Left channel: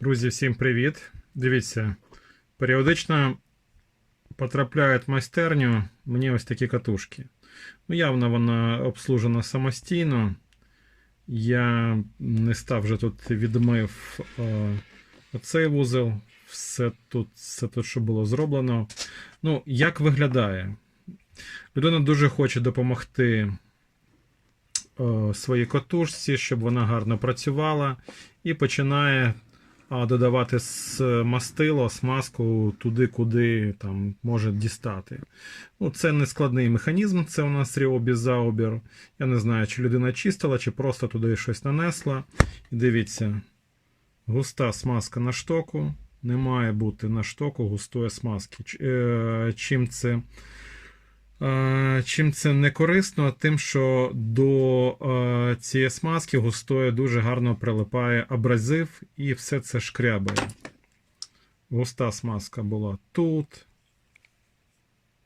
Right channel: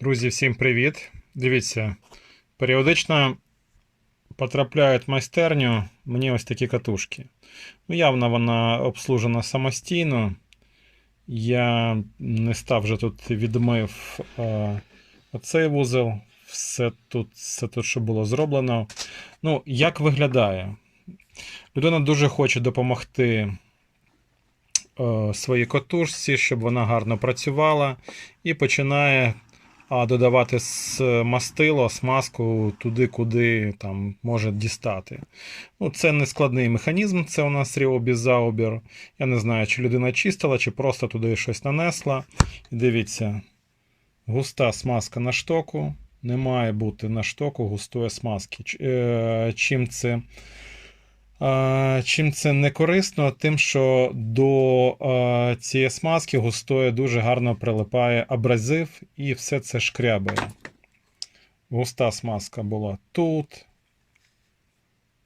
Друзі, всім привіт! Дивіться, періодично потрапляють в майстерню мені ось такі катушки. Ну, явно вона обслужена самостійно. Я не став вже тут відмив е, оцей вузол. Все тут, все тут, що було зроблено. Ну, як виглядає? Людина дуже хоче допомогти е, своїй катушці, щоб вона гарно працювала, і починає додавати мастило, смазку туди, куди там може дістати. Ну, це не складний механізм, це у нас ріобізаубір. Я не знаю, чи людина чистила, чи просто туди щось нанесла. І дивіться, густа смазка на штоку. Не має бути на штоку густої смазки. Е, Чим це? Чим це не корисно? Тим, що до е, цієї смазки густої дуже гарно прилипає абразив і все це шкрябає. Густа смазка була тут,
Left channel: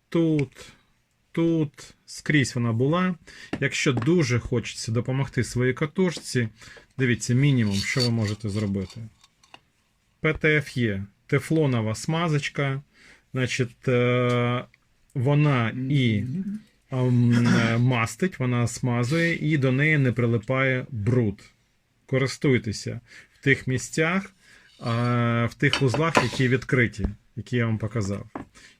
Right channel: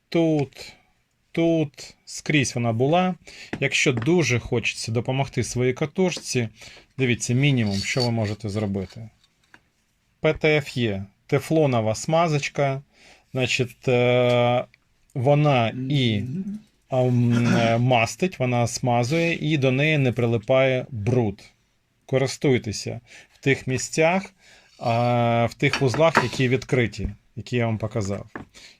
тут, тут, скрізь вона була. Якщо дуже хочеться допомогти своїй катушці, дивіться, мінімум, що ви можете зробити. ПТФ є тефлонова смазочка, значить, е, вона і е, мастить, вона смазує, і до неї не прилипає бруд. Користуйтеся в тих місцях, в тих вузлах, які відкриті, які я вам показав.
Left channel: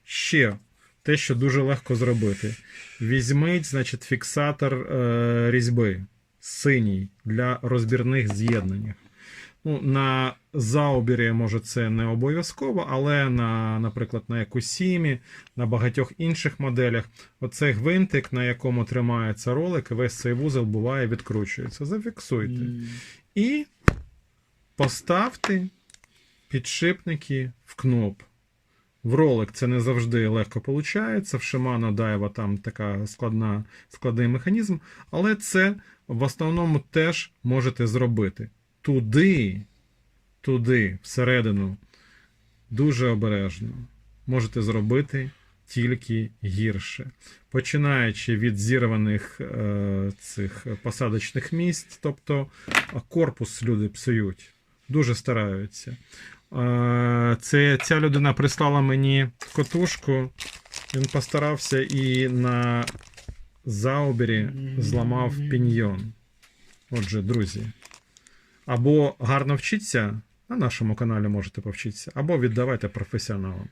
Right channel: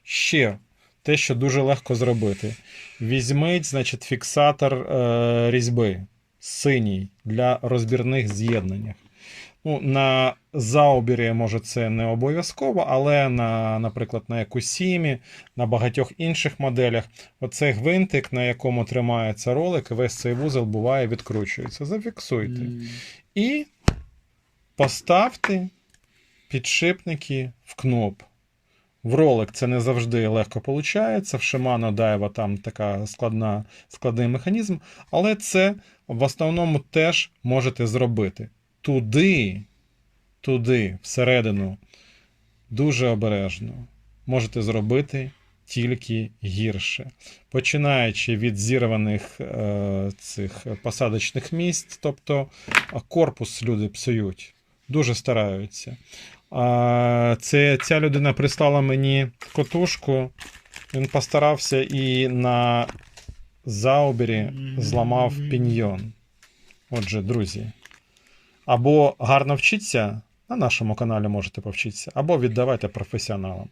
Ще те, що дуже легко зробити. Візьміть, значить, фіксатор е, різьби синій для розбірних з'єднань. Ну, на заобірі, може, це не обов'язково, але на, наприклад, на Якусімі, на багатьох інших моделях, оцей гвинтик, на якому тримається ролик, весь цей вузол буває відкручується. Зафіксуйте. І поставте підшипники в кноп. В ролик це не завжди легко виходить. В Shimano Daiwa там така складна, складний механізм, але це в основному теж можете зробити. Туди, туди, всередину, дуже обережно можете зробити тільки гірше. Починаючи від зірваних е, цих посадочних місць, тобто корпус люди псують, дуже стараються. А, це, ця людина прислала мені котушку, він постарався і на заобері зламав піньйон. Отже, друзі, або гарно вчіться, на нашому каналі можете повчитися, або віддавайте професіоналам.